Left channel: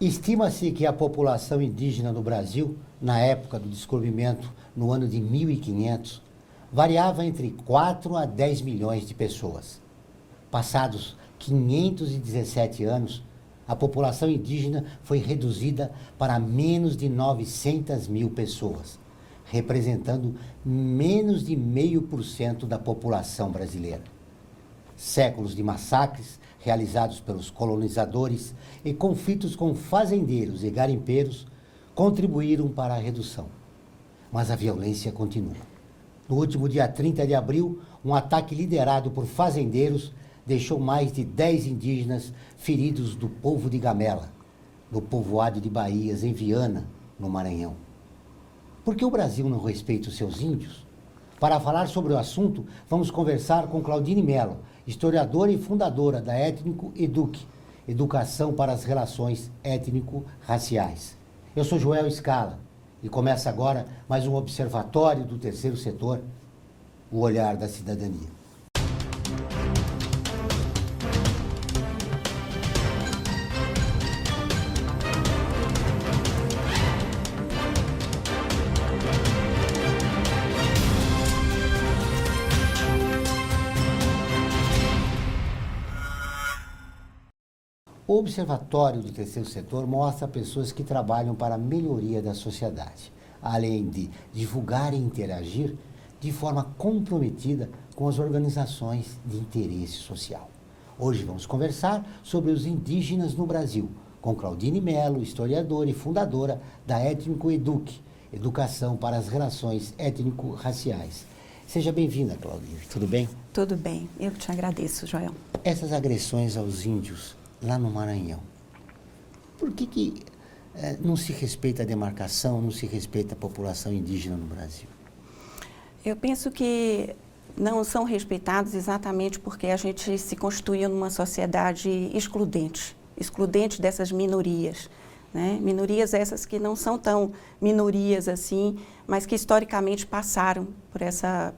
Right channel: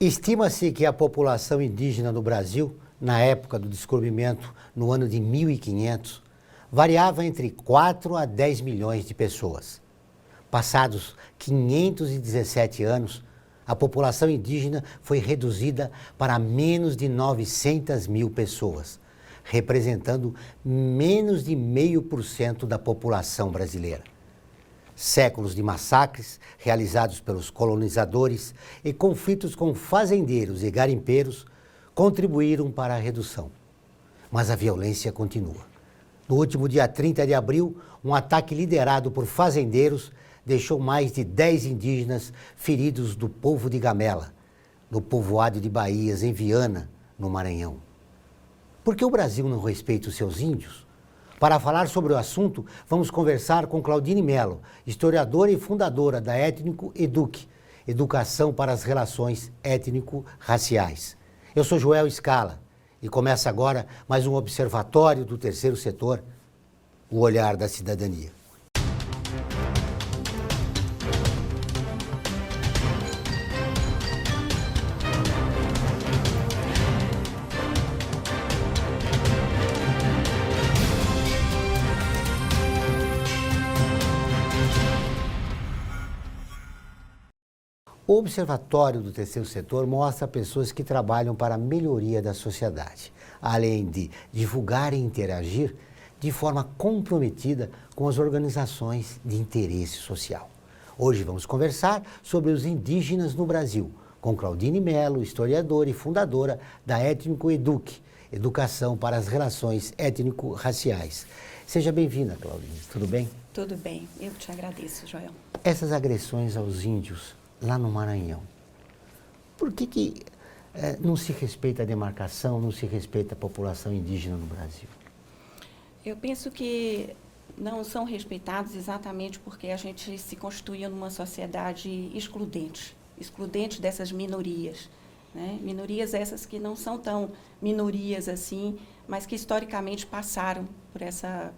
Estima-se que a população indígena do Brasil, na época do descobrimento, no ano de 1500, variava entre 4 a 10 milhões de pessoas. Passados 517 anos, a população indígena foi reduzida para menos de 900 mil pessoas, representando menos de 0,5% da população brasileira. Séculos de massacres realizados pelos colonizadores e conflitos com fazendeiros e garimpeiros contribuíram para a redução. Mas a violência continua. No último dia 30 de abril, um ataque liderado por fazendeiros deixou mais de 10 indígenas feridos do povo de Gamela, no povoado de Baías, em Viana, no Maranhão. Por que o Brasil não respeita os seus índios? Para falar sobre o assunto, vamos conversar com Claudine Mello, historiadora e fundadora da Étnico Eduque, Educação para as Relações Étnico-Raciais. Eu sou Joel Scala e começa agora mais um observatório do terceiro setor, o olhar da cidadania. O Observatório do Terceiro Setor mostra pessoas que trabalham para a melhoria da sociedade, além de divulgar e interagir de forma comprometida com as organizações de interesse social. Hoje vamos conversar sobre os indígenas no Brasil, com Claudine Mello, historiadora e fundadora da Étnico Eduque, Educação para as Relações Étnico-Raciais. Seja bem-vinda, Claudine. Tudo bem? Tudo bem. Eu que te agradeço, Joel. Essas agressões aos índios lá no Maranhão, por que não se respeita a demarcação, não se respeita a população indígena no Brasil? Eu penso que não são respeitados exatamente porque a gente se constituiu numa sociedade excludente dessas minorias, né? Minorias essas que não são tão minorias assim, mas que historicamente passaram por essa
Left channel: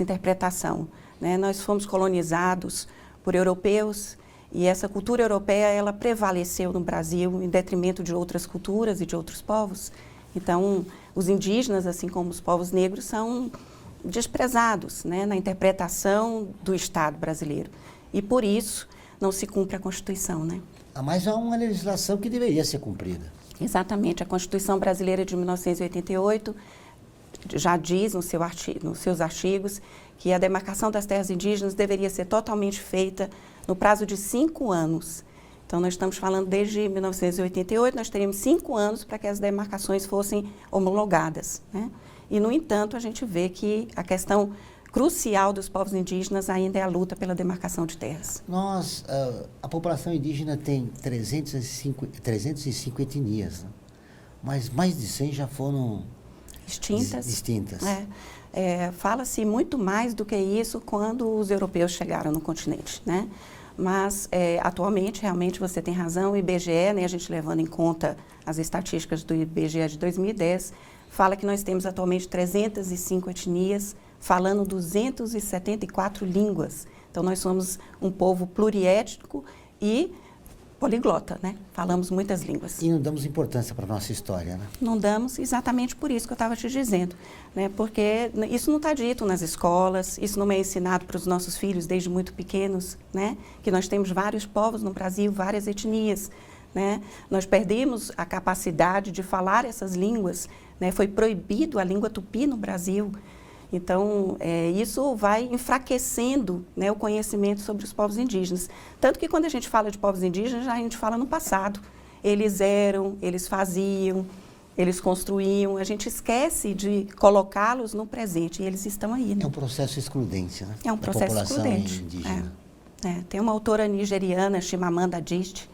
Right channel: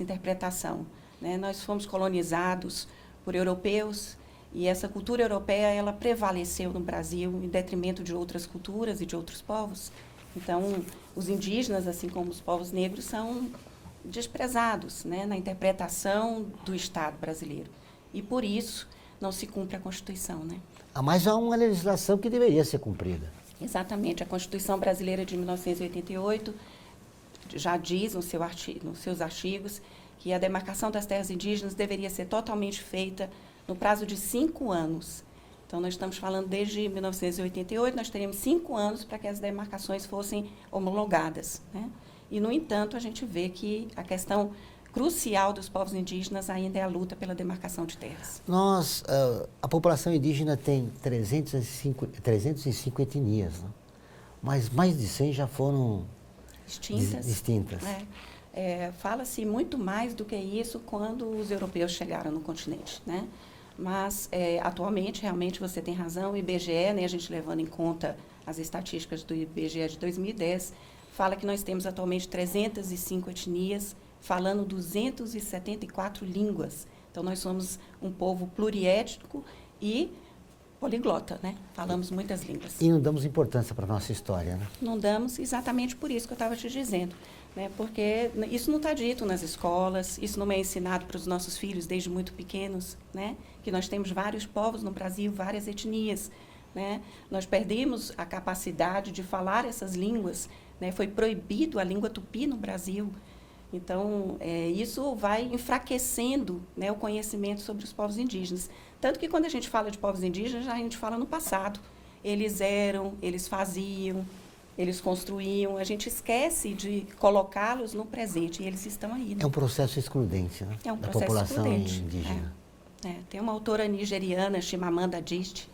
interpretação, né? Nós fomos colonizados por europeus, e essa cultura europeia, ela prevaleceu no Brasil em detrimento de outras culturas e de outros povos. Então, os indígenas, assim como os povos negros, são desprezados, né, na interpretação do Estado brasileiro. E, por isso, não se cumpre a Constituição, né? Mas há uma legislação que deveria ser cumprida. Exatamente. A Constituição Brasileira de 1988 já diz nos seus artigos que a demarcação das terras indígenas deveria ser totalmente feita no prazo de 5 anos. Então, nós estamos falando desde 1988, nós teríamos 5 anos para que as demarcações fossem homologadas, né? E, no entanto, a gente vê que a questão crucial dos povos indígenas ainda é a luta pela demarcação de terras. A população indígena tem 305 etnias, né? Mas mais de 100 já foram extintas. Fala-se muito mais do que isso quando os europeus chegaram no continente, né? Mas, atualmente, realmente, você tem razão, o IBGE, né, a gente levando em conta as estatísticas do IBGE de 2010, fala que nós temos atualmente 305 etnias, falando 274 línguas. Então, nós somos um povo pluriétnico e poliglota, né? Falamos muitas línguas. E não damos importância para a nossa história, né? Não damos exatamente por isso que eu estava te dizendo, né? Porque isso não está dito nas escolas, isso não é ensinado para os nossos filhos desde muito pequenos, né? Que nós temos vários povos no Brasil, várias etnias, né? Nós perdemos a capacidade de falar essas línguas, né? Foi proibido a língua tupi no Brasil. Então, isso vai enfraquecendo, né, o conhecimento sobre os povos indígenas. Tanto que quando a gente fala de povos indígenas, a gente fala no passado. Eles eram, eles faziam, eles construíam. A gente esquece de colocá-los no presente e eles estão aí, né? É um processo excludente, né? É um processo excludente. Indígena. Tem uma autora nigeriana, Chimamanda Adichie,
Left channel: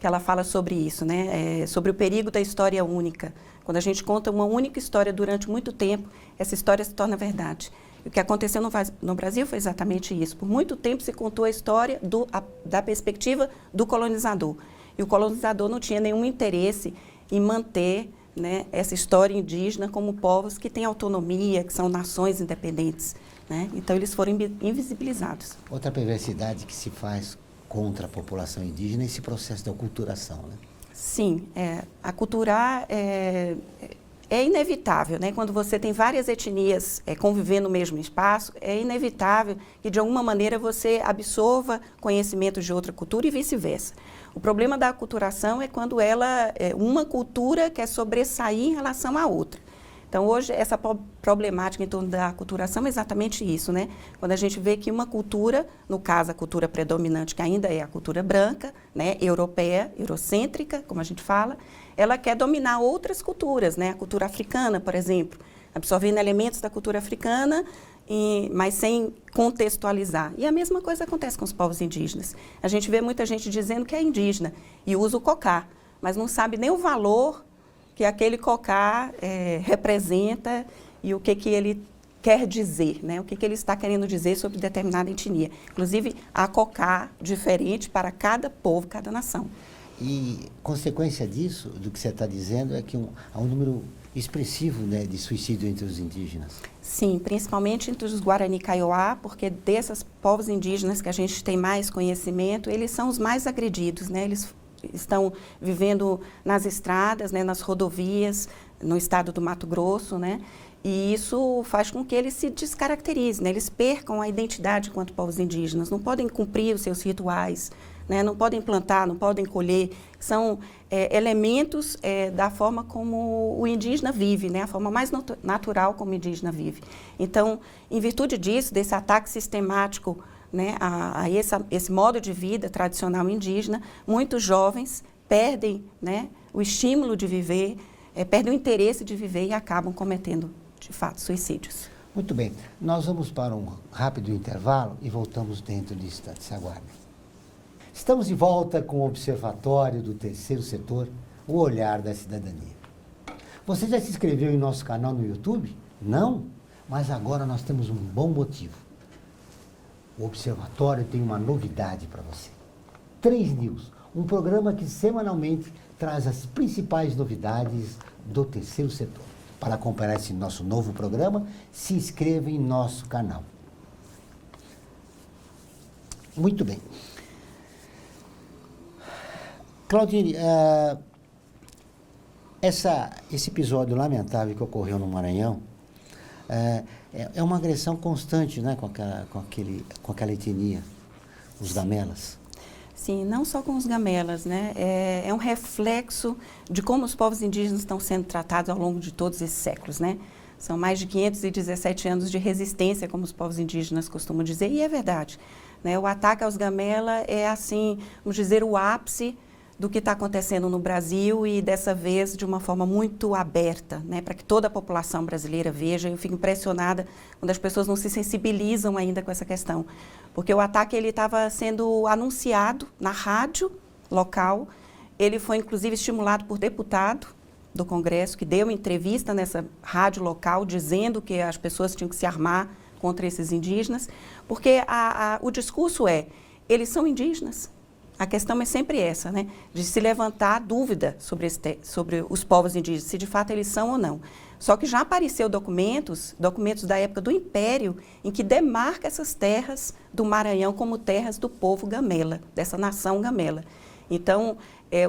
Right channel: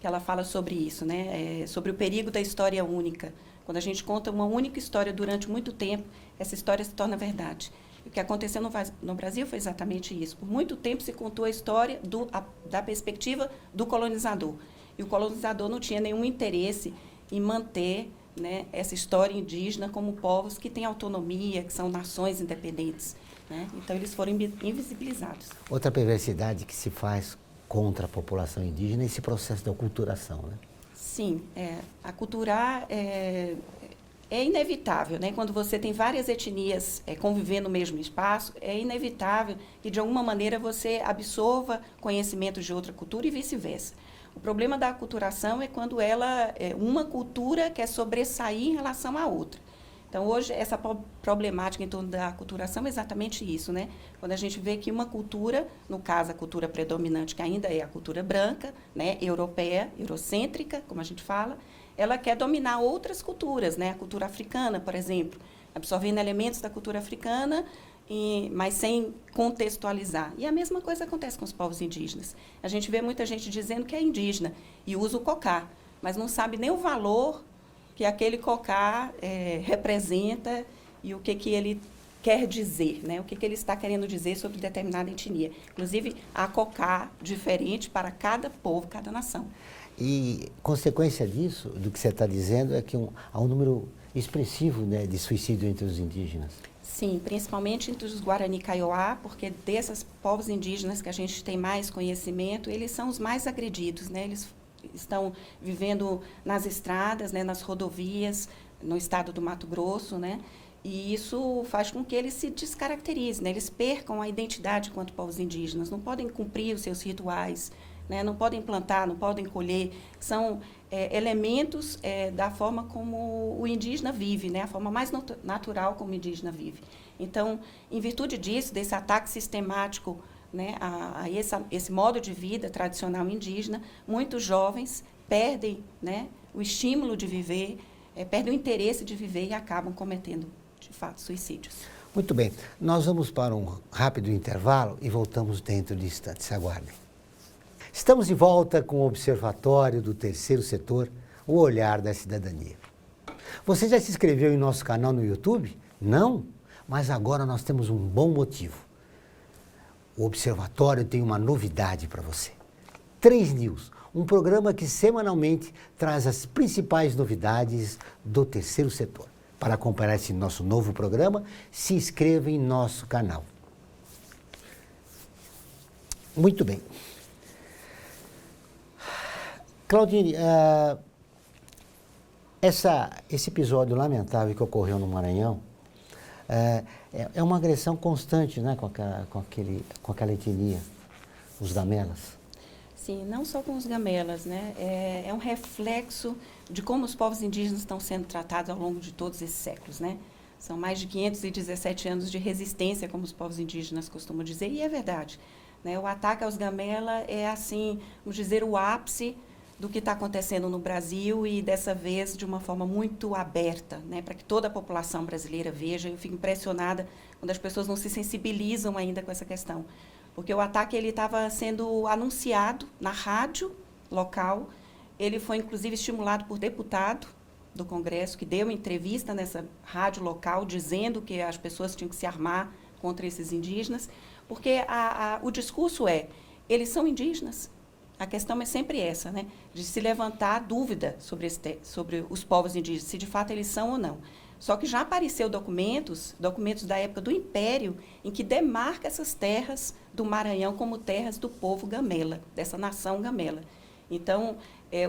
que ela fala sobre isso, né? Sobre o perigo da história única. Quando a gente conta uma única história durante muito tempo, essa história se torna verdade. E o que aconteceu no Brasil foi exatamente isso. Por muito tempo se contou a história da perspectiva do colonizador. E o colonizador não tinha nenhum interesse em manter, né, essa história indígena como povos que têm autonomia, que são nações independentes, né? Então, eles foram invisibilizados. Outra perversidade que se faz contra a população indígena é esse processo de aculturação, né? Sim, aculturar é inevitável, né? Quando você tem várias etnias convivendo no mesmo espaço, é inevitável que, de alguma maneira, você absorva conhecimentos de outra cultura e vice-versa. O problema da aculturação é quando uma cultura quer sobressair em relação à outra. Então, hoje, essa problemática em torno da aculturação é exatamente isso, né? Quando a gente vê que uma cultura, no caso, a cultura predominante, que ainda é a cultura branca, né, europeia, eurocêntrica, como a gente fala, ela quer dominar outras culturas, né? A cultura africana, por exemplo, absorvendo elementos da cultura africana, mas sem contextualizar. E a mesma coisa acontece com os povos indígenas. A gente vê muita gente dizendo que é indígena e usa o cocá, mas não sabe nem o valor que aquele cocá representa e o que ele quer dizer, né? O que ele está querendo dizer sobre determinada etnia. Inclusive, há cocá diferente para cada povo, cada nação. E consequência disso, do que você está dizendo, é que há um número expressivo, né, de suicídio entre os indígenas. Sim, principalmente entre os Guarani Kaiowá, porque desses povos indígenas que a gente tem mais conhecimento, eles são os mais agredidos, né? Eles estão vivendo nas estradas, né, nas rodovias, no estado do Mato Grosso, né? E isso faz com que eles se descaracterizem, né? Eles percam a identidade enquanto povos indígenas, não podem cumprir os seus rituais, né? Não podem plantar, não podem colher. São elementos da forma como o indígena vive, né? A forma mais natural como o indígena vive. Então, em virtude disso, desse ataque sistemático, né, a esse modo de vida tradicional indígena, muitos jovens perdem, né, o estímulo de viver, perdem o interesse de viver e acabam cometendo, de fato, suicídios. Muito bem, nós vamos para um rápido intervalo e voltamos dentro de instantes. Aguardem. Estamos de volta com o Observatório do Terceiro Setor, o Olhar da Cidadania. Você já se inscreveu em nosso canal no YouTube? Não? Mas agora nós temos um bom motivo. O Observatório tem uma novidade para você. 3 News, um programa que semanalmente traz as principais novidades do terceiro setor. Para acompanhar esse nosso novo programa, se inscreva em nosso canal. Muito bem. Claudine, esse episódio lamentável que ocorreu no Maranhão é uma agressão constante, né, com aquela etnia, os gamelas. Sim, não só com os gamelas, né? É um reflexo de como os povos indígenas estão sendo tratados ao longo de todos esses séculos, né? São mais de 517 anos de resistência, como os povos indígenas costumam dizer, e é verdade, né? O ataque aos gamelas é, assim, vamos dizer, o ápice do que está acontecendo no Brasil e, dessa vez, de uma forma muito aberta, né, para que toda a população brasileira veja. Eu fico impressionada quando as pessoas não se sensibilizam ainda com essa questão, porque o ataque ele estava sendo anunciado na rádio local, ele foi, inclusive, estimulado por deputado do Congresso, que deu uma entrevista nessa rádio local, dizendo que as pessoas tinham que se armar contra esses indígenas, porque o discurso eles são indígenas. A questão é sempre essa, né? De se levantar a dúvida sobre os povos indígenas, se de fato eles são ou não. Só que já apareceu documentos da época do Império, em que demarca essas terras do Maranhão como terras do povo gamela, dessa nação gamela. Então,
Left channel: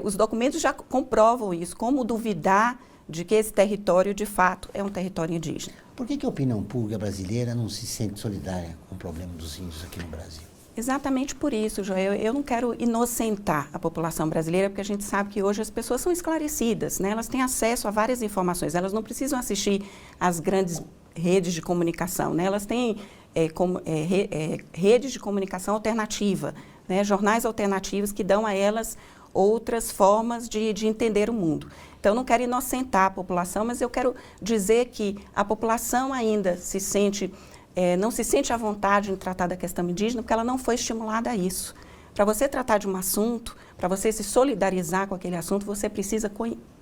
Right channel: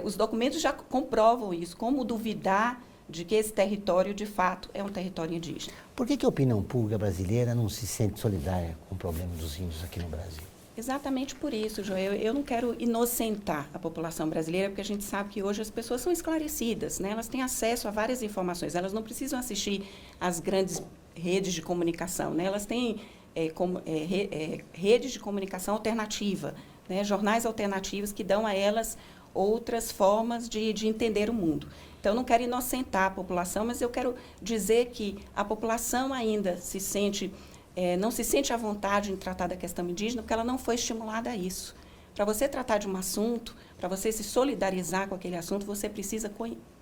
os documentos já comprovam isso, como duvidar de que esse território, de fato, é um território indígena. Por que a opinião pública brasileira não se sente solidária com o problema dos índios aqui no Brasil? Exatamente por isso, Joel. Eu não quero inocentar a população brasileira, porque a gente sabe que hoje as pessoas são esclarecidas, né? Elas têm acesso a várias informações, elas não precisam assistir às grandes redes de comunicação, né? Elas têm redes de comunicação alternativa, né? Jornais alternativos que dão a elas outras formas de entender o mundo. Então, eu não quero inocentar a população, mas eu quero dizer que a população ainda não se sente à vontade em tratar da questão indígena porque ela não foi estimulada a isso. Para você tratar de um assunto, para você se solidarizar com aquele assunto, você precisa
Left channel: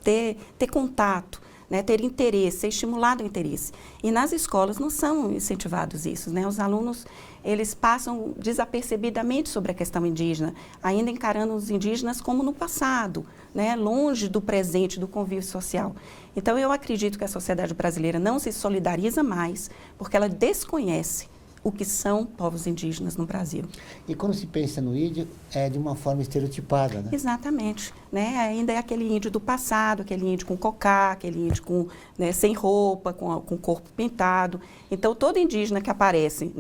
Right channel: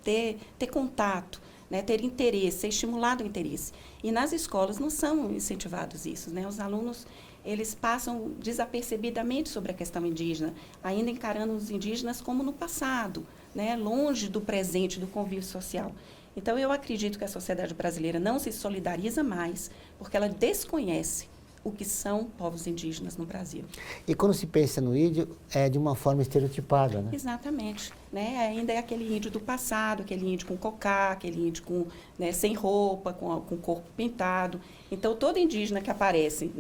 ter contato, né, ter interesse, ser estimulado o interesse. E nas escolas não são incentivados isso, né? Os alunos, eles passam desapercebidamente sobre a questão indígena, ainda encarando os indígenas como no passado, né, longe do presente, do convívio social. Então, eu acredito que a sociedade brasileira não se solidariza mais porque ela desconhece o que são povos indígenas no Brasil. E quando se pensa no índio, é de uma forma estereotipada, né? Exatamente. Né? Ainda é aquele índio do passado, aquele índio com cocá, aquele índio com, né, sem roupa, com o corpo pintado. Então, todo indígena que aparece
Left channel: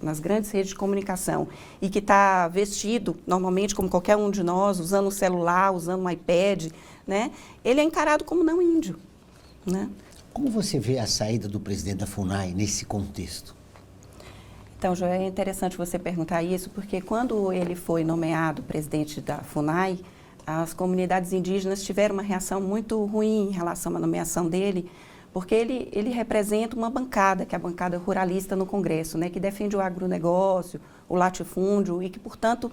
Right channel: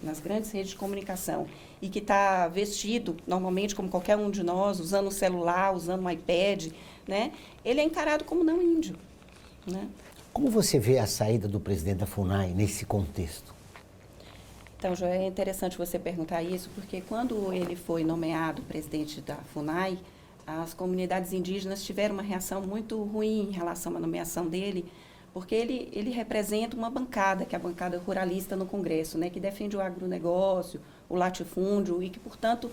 nas grandes redes de comunicação e que está vestido, normalmente, como qualquer um de nós, usando um celular, usando um iPad, né, ele é encarado como não índio. Né? Como você vê a saída do presidente da FUNAI nesse contexto? Então, Joel, é interessante você perguntar isso, porque quando ele foi nomeado presidente da FUNAI, as comunidades indígenas tiveram uma reação muito ruim em relação à nomeação dele, porque ele representa uma bancada, que é a bancada ruralista no Congresso, né, que defende o agronegócio, o latifúndio e que, portanto,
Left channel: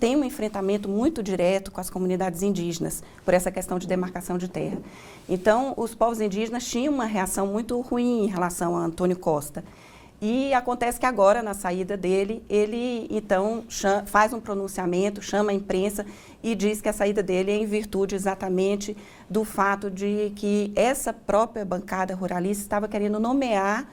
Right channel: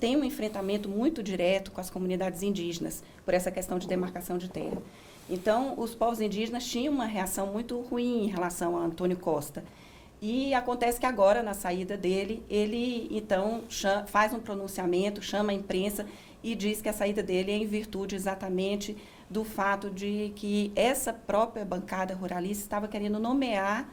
tem um enfrentamento muito direto com as comunidades indígenas por essa questão de demarcação de terra. Então, os povos indígenas tinham uma reação muito ruim em relação a Antônio Costa. E acontece que agora, na saída dele, ele, então, faz um pronunciamento, chama a imprensa e diz que a saída dele é em virtude exatamente do fato de que essa própria bancada ruralista estava querendo nomear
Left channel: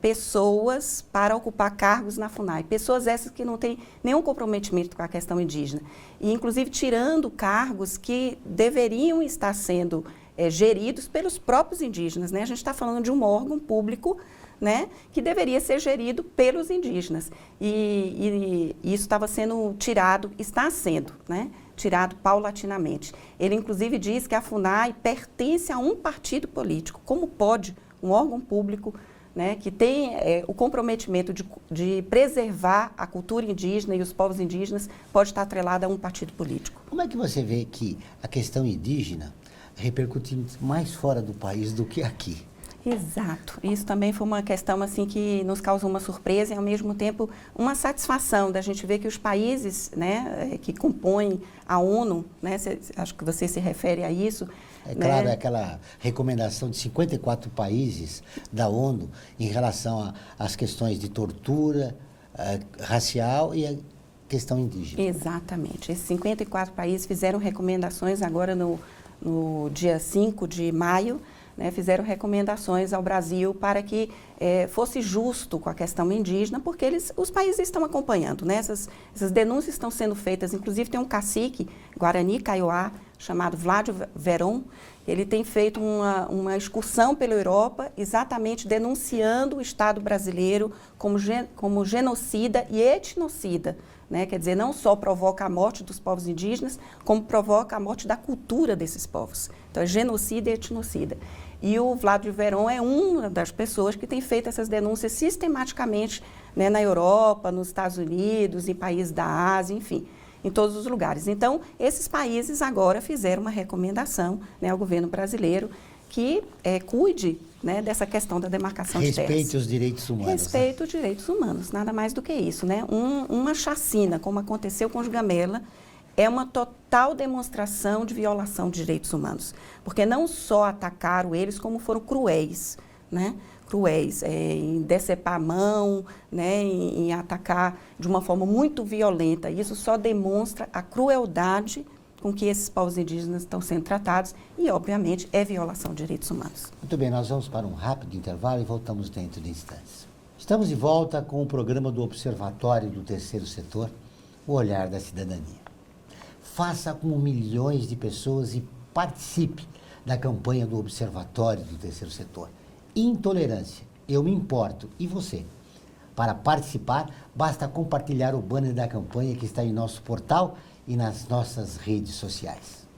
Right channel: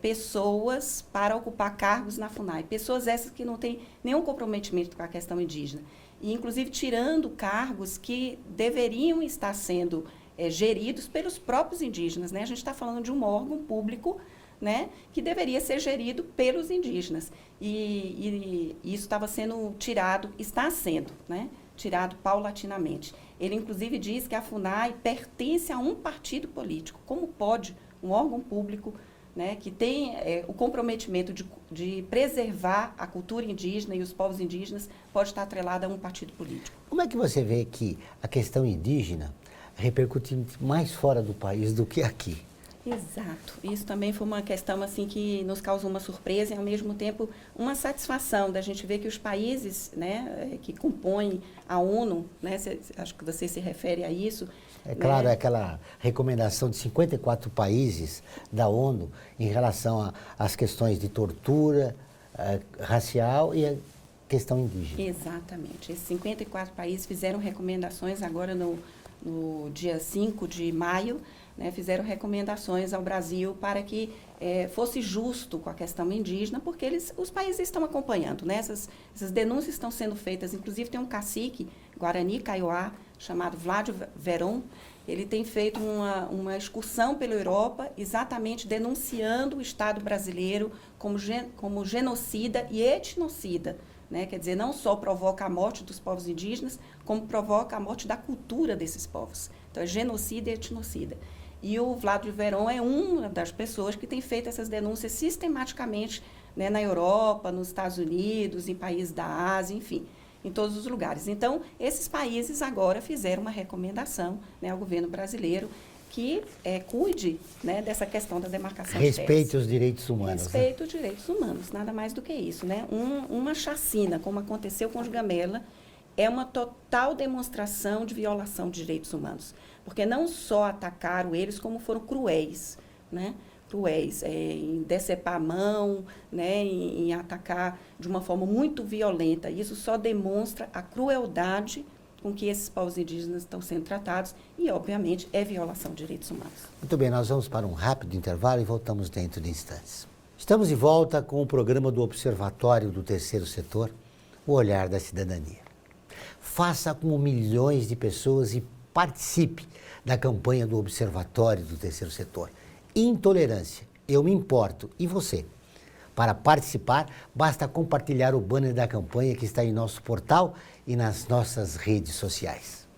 pessoas para ocupar cargos na FUNAI. Pessoas essas que não têm nenhum comprometimento com a questão indígena. E, inclusive, tirando cargos que deveriam estar sendo geridos pelos próprios indígenas. Né? A gente está falando de um órgão público, né, que deveria ser gerido pelos indígenas. E isso estava sendo tirado, está sendo, né, tirado paulatinamente. Ele, inclusive, diz que a FUNAI pertence a um partido político. Como pode um órgão público, né, que tem o comprometimento de preservar a cultura indígena e os povos indígenas, pode estar atrelado a um partido político? Como é que você vê que a questão indígena repercute mais fora do país do que aqui? Exato. Isso também foi uma questão assim que nos causou uma surpresa e, ao mesmo tempo, uma satisfação da gente ver que os países, né, que compõem a ONU, né, acho que você se refere a isso. É claro, né? Aquela recomendação de 54 países da ONU em relação às questões de tortura racial e a questão indígena. Exatamente. Esses 54 países fizeram recomendações agora no dia 5 de maio, né, fizeram recomendações ao Brasil para que fosse justo com a questão indígena, porque os países estão acompanhando, né, essas denúncias estão sendo feitas. Inclusive, tem um cacique, Guarani Kaiowá, chamado Vladio Veron. Ele tem feito uma excursão pela Europa, exatamente denunciando o Estado brasileiro como genocida e etnocida. Né? Quer dizer, não só provoca a morte dos povos indígenas, como provoca a morte da cultura desses povos. Então, é genocida e etnocida. E o Vladio Veron é uma das pessoas que tem feito essas denúncias sistematicamente, né, na Europa, nos Estados Unidos, em países da Ásia, enfim, em todos os lugares. Então, esses países agora fizeram uma recomendação, né, ao governo brasileiro que cuide, né, dessa questão da demarcação de terras. Respeite os direitos humanos. Respeite os direitos humanos, nada mais do que isso. Né? Uma chacina, como aconteceu com os Gamela, é uma total demonstração de violação de direitos humanos. Porque não só atacaram eles, como foram cruéis, né? Cruéis, em decepar a mão, né? em atacar de uma forma muito violenta. Isso só demonstra a crueldade com que esses povos indígenas estão sendo tratados e, obviamente, é violação de direitos humanos. Muito bem, nós vamos para um rápido intervalo e voltamos dentro de instantes. Estamos de volta com o programa do Observatório do Terceiro Setor, o Olhar da Cidadania. Faça como milhões de pessoas e participe da campanha do Observatório do Terceiro Setor. Intolerância, eu me importo, e você? Para participar, basta compartilhar o banner da campanha que está em nosso portal e nas nossas redes sociais.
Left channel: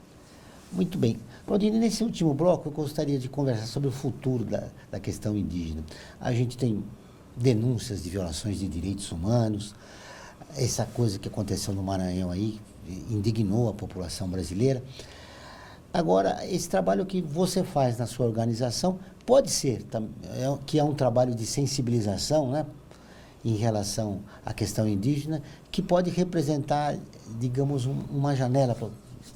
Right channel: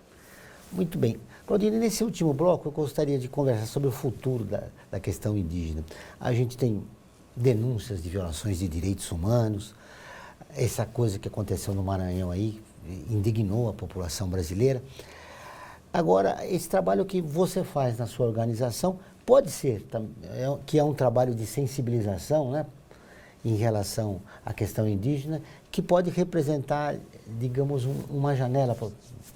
Muito bem. Claudine, nesse último bloco eu gostaria de conversar sobre o futuro da questão indígena. A gente tem denúncias de violações de direitos humanos, essa coisa que aconteceu no Maranhão aí indignou a população brasileira. Agora, esse trabalho que você faz na sua organização pode ser que é um trabalho de sensibilização, né, em relação à questão indígena, que pode representar, digamos, uma janela,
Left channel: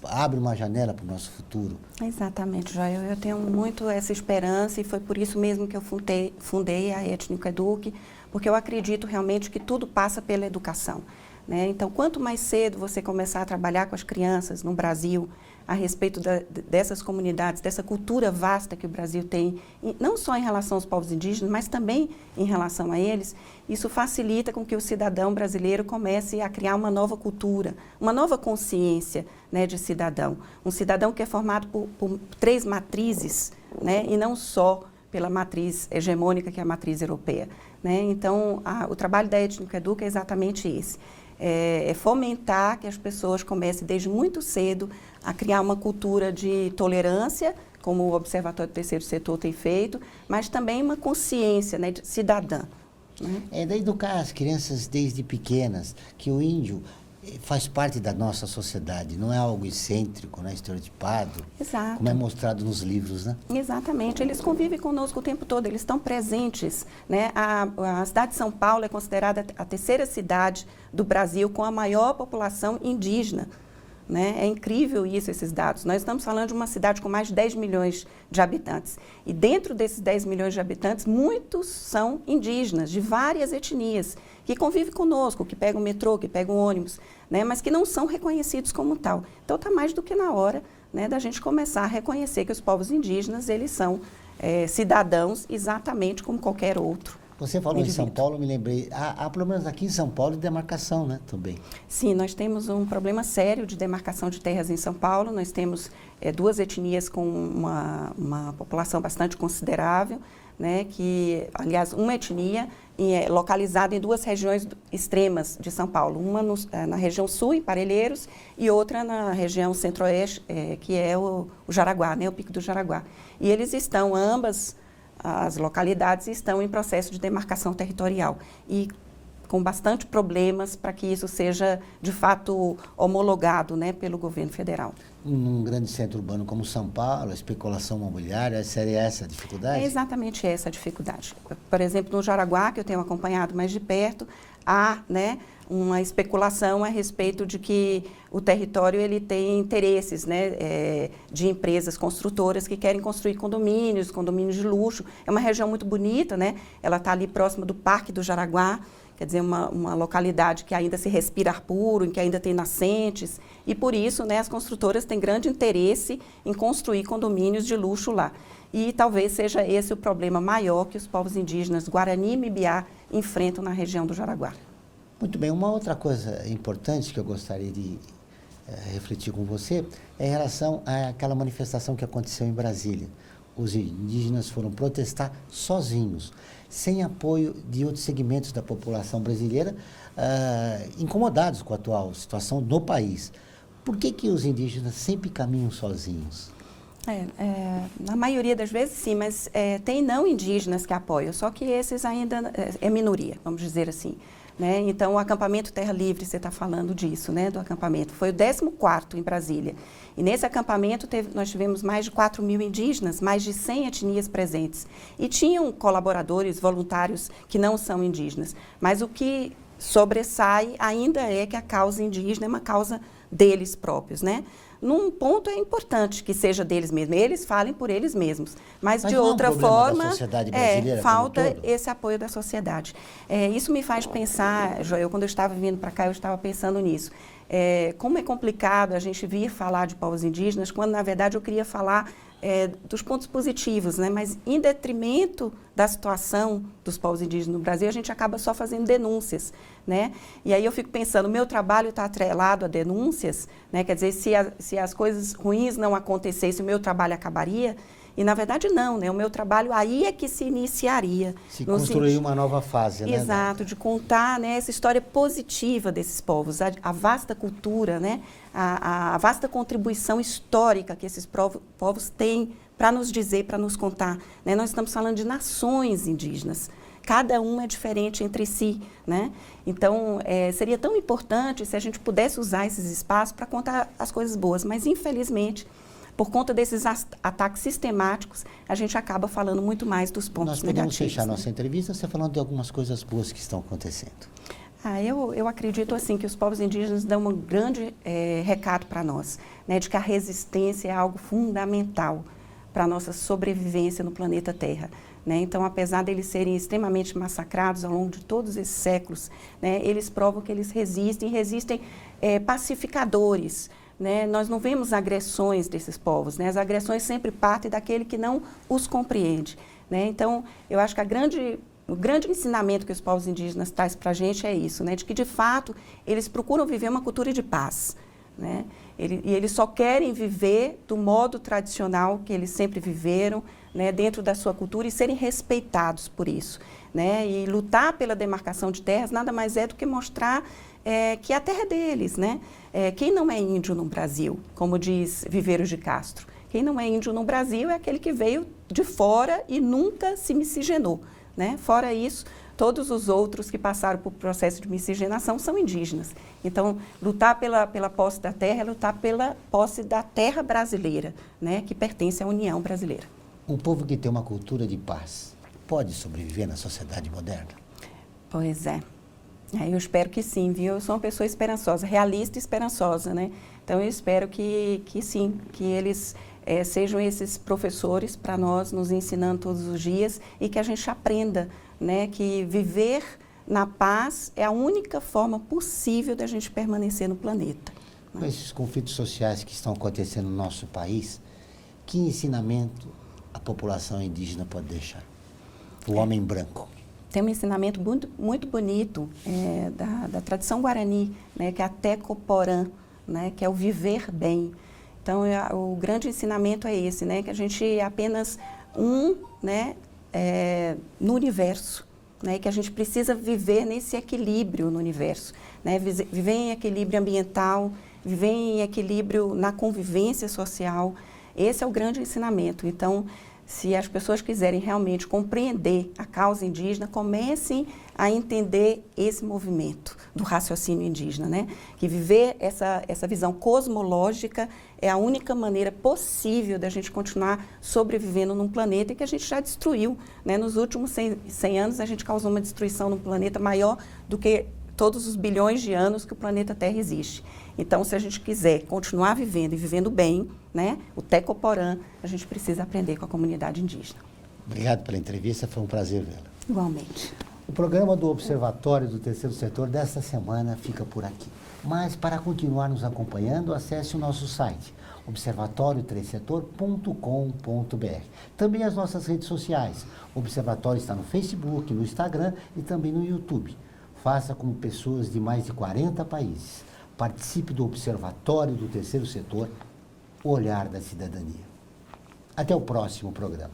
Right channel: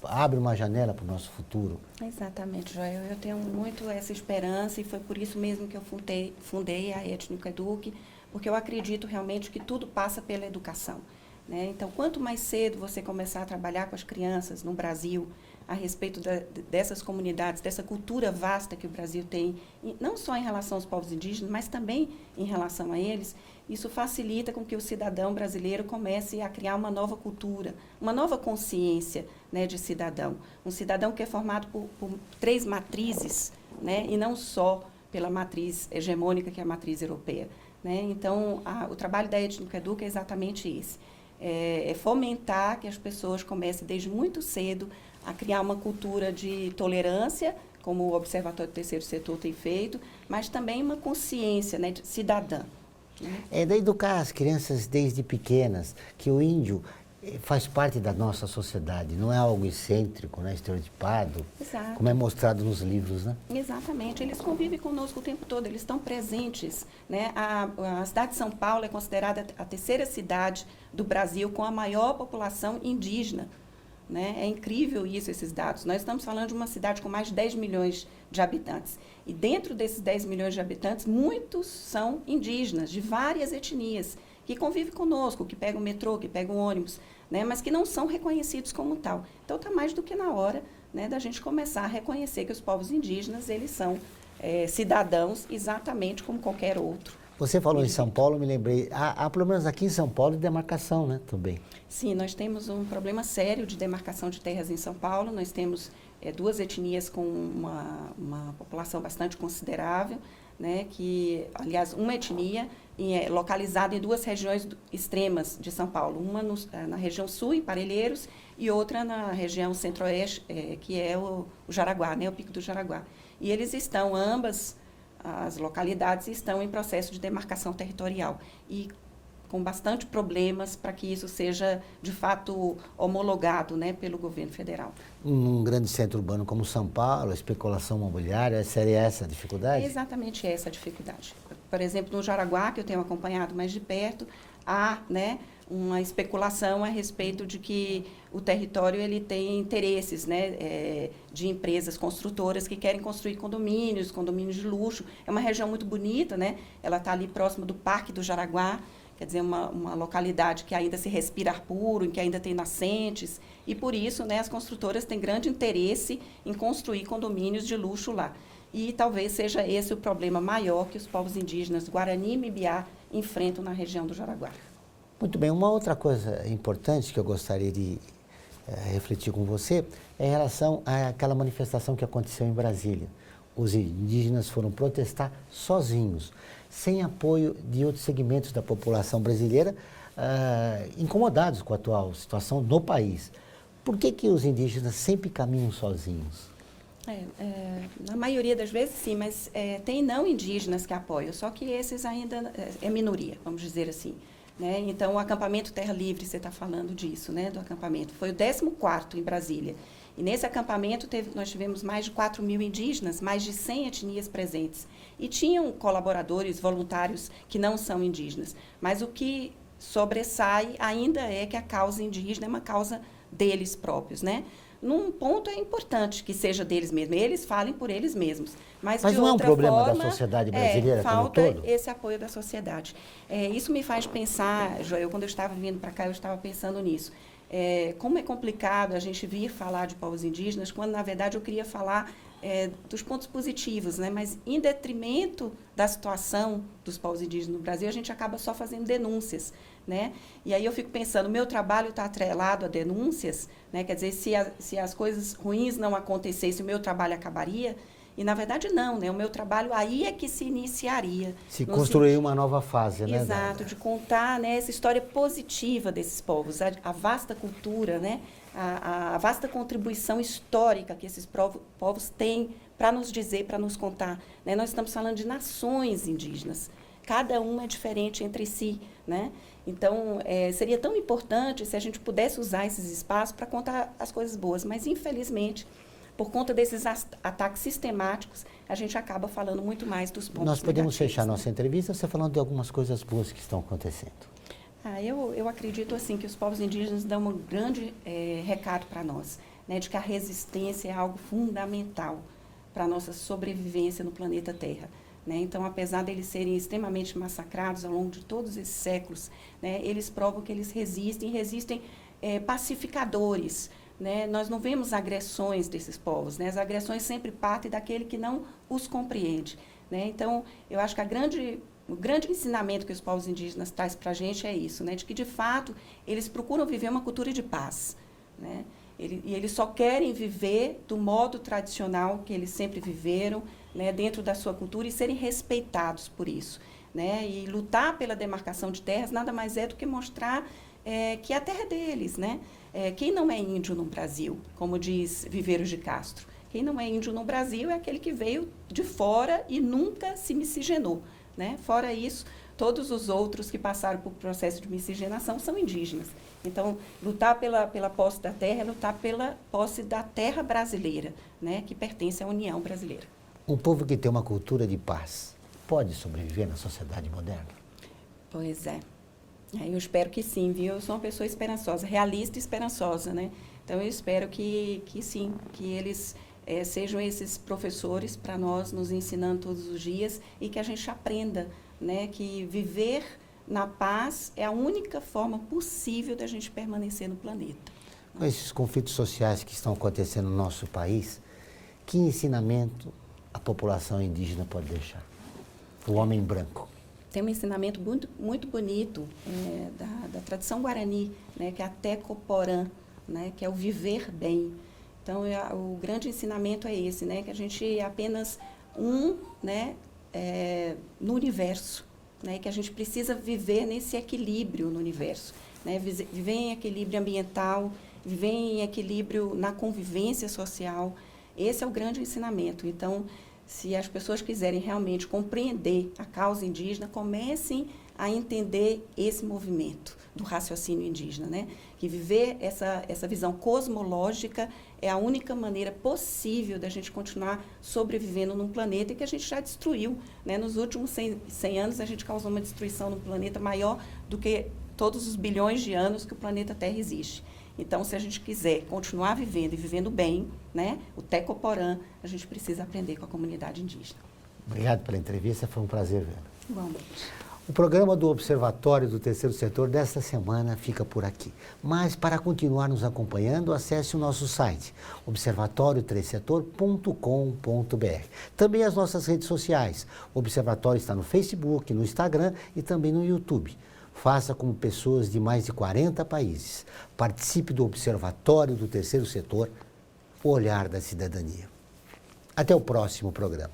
abre uma janela para o nosso futuro. Exatamente, Joel. Eu tenho muito essa esperança e foi por isso mesmo que eu fundei a Étnico Eduque, porque eu acredito realmente que tudo passa pela educação. Né? Então, quanto mais cedo você começar a trabalhar com as crianças no Brasil, a respeito dessas comunidades, dessa cultura vasta que o Brasil tem, não só em relação aos povos indígenas, mas também em relação a eles, isso facilita com que o cidadão brasileiro comece a criar uma nova cultura, uma nova consciência, né, de cidadão. Um cidadão que é formado por 3 matrizes, né, e não só pela matriz hegemônica, que é a matriz europeia, né? Então, o trabalho da Étnica Educa é exatamente esse. É fomentar que as pessoas comecem desde muito cedo a criar uma cultura de tolerância, como o Observatório do Terceiro Setor tem feito, mas também uma consciência, né, cidadã. É de educar as crianças desde pequenas, que o índio faz parte da nossa sociedade, não é algo excêntrico, né, estereotipado, Exato. como é mostrado nos livros, né? Exatamente, eles convivem conosco o tempo todo, eles estão presentes, né? A cidade de São Paulo é considerada a 3ª cidade do Brasil com a maior população indígena, né? É incrível isso, esses dados. Nós estamos falando de uma cidade com mais de 10 milhões de habitantes. E dentro desses 10 milhões de habitantes, muitos são indígenas, de várias etnias, que convivem conosco, que pegam o metrô, que pegam o ônibus, né? Mas que não são reconhecidos como tal. Então, está mais do que na hora, né, da gente começar a reconhecer que os povos indígenas, eles são cidadãos exatamente como qualquer outro. Você falou indivíduo. em São Paulo, me lembrei, há problemas aqui em São Paulo de demarcação, né, também. Sim, nós temos um problema sério de demarcação de terras em São Paulo. Nós temos 2 etnias com uma população bastante considerável, né, que, aliás, uma etnia localizada em 2 regiões extremas de São Paulo, uma na região sul, em Parelheiros, e outra na região centro-oeste, que é o Jaraguá, né, o Pico do Jaraguá. E eles estão, ambas as localidades estão em processo de demarcação territorial e com bastante problemas para que isso seja, de fato, homologado, né, pelo governo federal. Um grande centro urbano como São Paulo, a especulação imobiliária, seria essa a dificuldade? É exatamente essa a dificuldade. Por exemplo, no Jaraguá, que eu tenho acompanhado mais de perto, há, né, uma especulação a respeito de que o território ele tem interesses, né, de empresas construtoras que querem construir condomínios de luxo. É uma região muito bonita, né? Ela está ali próxima do Parque do Jaraguá, quer dizer, uma localidade que ainda se respira ar puro, em que ainda tem nascentes. E por isso, né, as construtoras têm grande interesse em construir condomínios de luxo lá. E talvez seja esse o problema maior que os povos indígenas Guarani e Mibiá enfrentam na região do Jaraguá. Muito bem, uma outra coisa importante que eu gostaria de refletir com você é em relação àquela manifestação que aconteceu em Brasília. Os indígenas foram protestar sozinhos, sem apoio de outros segmentos da população brasileira, incomodados com a atual situação no país. Por que os indígenas sempre caminham sozinhos? Na maioria das vezes, sim, mas tem não indígenas que apoiam, só que esses ainda é minoria, vamos dizer assim. Né? Então, o acampamento Terra Livre, você está falando disso, né, do acampamento, foi o 14º em Brasília. E nesse acampamento nós tivemos mais de 4.000 indígenas, mais de 100 etnias presentes. E tinham colaboradores voluntários que não são indígenas. Mas o que sobressai ainda é que a causa indígena é uma causa deles próprios, né? Num ponto é importante que seja deles mesmos, eles falem por eles mesmos, mas de outra forma, não é um problema da sociedade brasileira falta como um todo? esse apoio da sociedade. Isso me faz pensar, Joel, quando eu estava vindo para cá, eu estava pensando nisso. Como é complicado a gente vir falar de povos indígenas, quando na verdade eu queria falar dos pontos positivos, né? Mas em detrimento da situação dos povos indígenas no Brasil, a gente acaba só fazendo denúncias, né? E aí eu fico pensando, o meu trabalho está atrelado a denúncias, né? Quer dizer, se as coisas ruins não acontecessem, o meu trabalho acabaria? E na verdade não, né? O meu trabalho aí é que se iniciaria. Se construir uma nova fase, né? Exato, de contar, né, essa história positiva desses povos, a vasta cultura, né? A vasta contribuição histórica que esses povos têm para nos dizer, para nos contar. Né? Nós estamos falando de nações indígenas. Cada uma é diferente entre si, né? Então, seria tão importante se a gente pudesse usar esses espaços para contar as coisas boas, mas infelizmente, por conta desses ataques sistemáticos, a gente acaba falando muito mais dos pontos negativos. Nós podemos fechar nossa entrevista você falando de algumas coisas boas que estão acontecendo. Eu acredito assim que os povos indígenas dão um grande recado para nós, né, de que a resistência é algo fundamental para a nossa sobrevivência no planeta Terra. Né? Então, apesar de eles serem extremamente massacrados ao longo de todos esses séculos, né, eles provam que eles resistem pacificadores. Né? Nós não vemos agressões desses povos, né? As agressões sempre partem daquele que não os compreende. Né? Então, eu acho que a grande o grande ensinamento que os povos indígenas trazem para a gente é isso, né? De que, de fato, eles procuram viver uma cultura de paz, né? E eles só querem viver do modo tradicional que eles sempre viveram, né? Dentro da sua cultura e serem respeitados por isso, né? E lutar pela demarcação de terras nada mais é do que mostrar que a terra é deles, né? Quem não é índio no Brasil, como diz Viveiros de Castro, quem não é índio no Brasil é aquele que veio de fora e nunca se miscigenou, né? Fora isso, todos os outros que passaram por processo de miscigenação são indígenas. Então, lutar pela posse da terra é lutar pela posse da terra brasileira, né? Que pertence à União Brasileira. Um povo que tem uma cultura de paz pode sobreviver na sociedade moderna? Pois é. Eu espero que sim, viu? Eu sou uma pessoa esperançosa, realista e esperançosa, né? Então, eu espero que sim, que eles sejam esses professores para nós, nos ensinando todos os dias e que a gente aprenda, né? Que viver na paz é a única forma possível da gente permanecer no planeta. Né? Esses conflitos sociais que estão acontecendo no nosso país, que ensinamento a população indígena pode deixar? O homem branco. Tem um ensinamento muito, muito bonito da tradição guarani, né, que é a Tecoporã, né, que é o viver bem. Então, o grande ensinamento é esse, né, que a gente é apenas né, no universo, né, que a gente precisa viver nesse equilíbrio no universo, né, viver em equilíbrio ambiental, viver em equilíbrio na convivência social. Esse é o grande ensinamento. Então, se as pessoas quiserem realmente compreender a causa indígena, comecem a entender esse movimento do raciocínio indígena, né? Que viver essa visão cosmológica é a única maneira possível da gente continuar sobrevivendo num planeta que a gente já destruiu, né? Nos últimos 100 anos, a gente causou uma destruição no planeta maior do que todos os bilhões de anos que o planeta Terra existe. Então, se a gente quiser continuar vivendo e vivendo bem, né, o Tecoporã, a gente precisa aprender com a comunidade indígena. Obrigado pela entrevista, foi um prazer vê-la. Igualmente. O programa do Observatório do Terceiro Setor desta semana fica por aqui. Mas, para continuar nos acompanhando, acesse o nosso site, observatorioterceirsetor.com.br. Também as nossas redes sociais. O Observatório está no Facebook, no Instagram e também no YouTube. Faça como pessoas de mais de 40 países. Participe do Observatório do Terceiro Setor, o olhar da cidadania. Até o próximo programa.